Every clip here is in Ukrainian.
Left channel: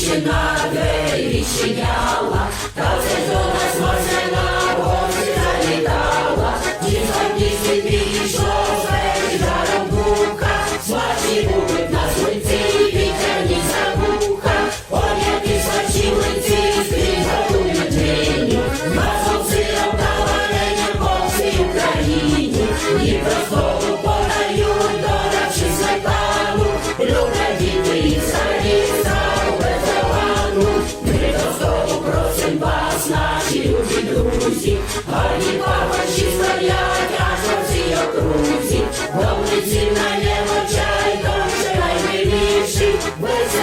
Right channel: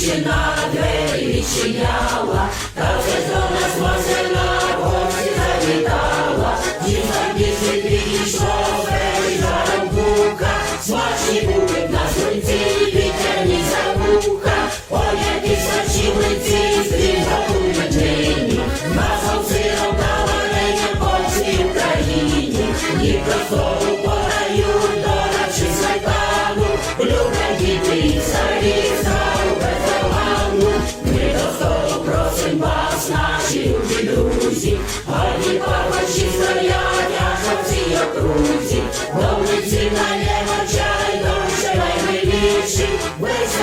дівчина двері відчиняла, та вже до нас возена в гості завітала. Дівка пісні підійшов, перед жаром бука, смачні будуть на сонці, вітряні забуха. Ой, які смачні млинці, стрій готують нині, маслом сиром та варенням по всій Україні. І простого подають, додавши сметану, люблять діти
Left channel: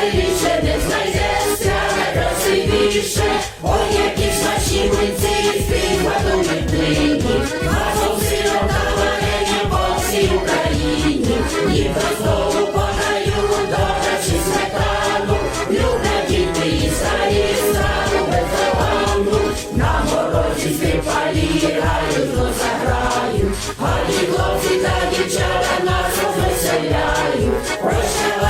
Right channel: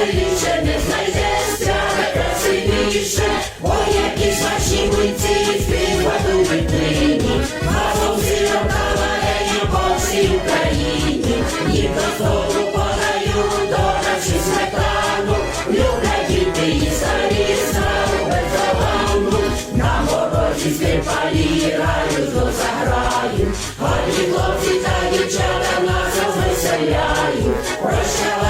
веселіше не знайдеться, найкрасивіше. Ой, які смачні млинці, співготують нині, маслом сиром та варенням по всій Україні. Їх до столу подають, додавши сметану, люблять діти і старі, страву бездоганну. На морозі скрипалі грають, до заграють, гарні хлопці та дівчата нас розвеселяють. Прощавай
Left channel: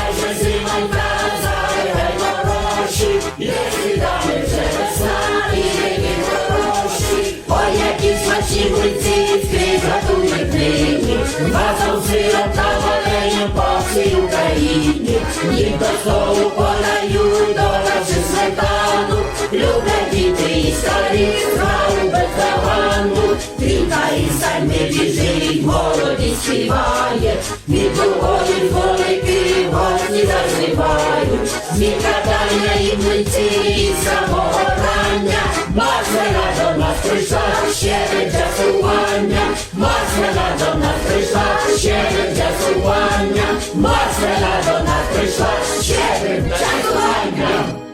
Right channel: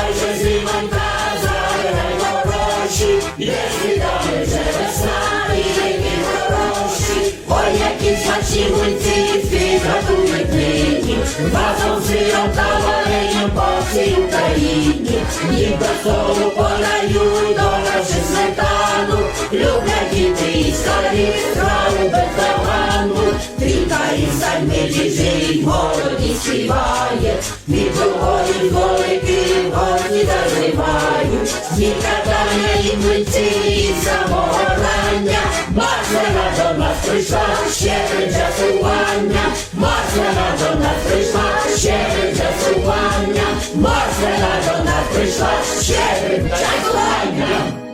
Смачні млинці, скрізь готують нині, Маслом сиром та варенням по всій Україні. Їм до столу подають, додавши сметану, люблять діти і старі, страву бездоганну. Трійка і стальми біжить, молоді співає, від другої дзвоники гості заживають. intuicji i samoobrania Masz znaleziona w tryszach siedem zasułania Masz znaleziona w tryszach siedem zasułania Masz znaleziona w tryszach siedem zasułania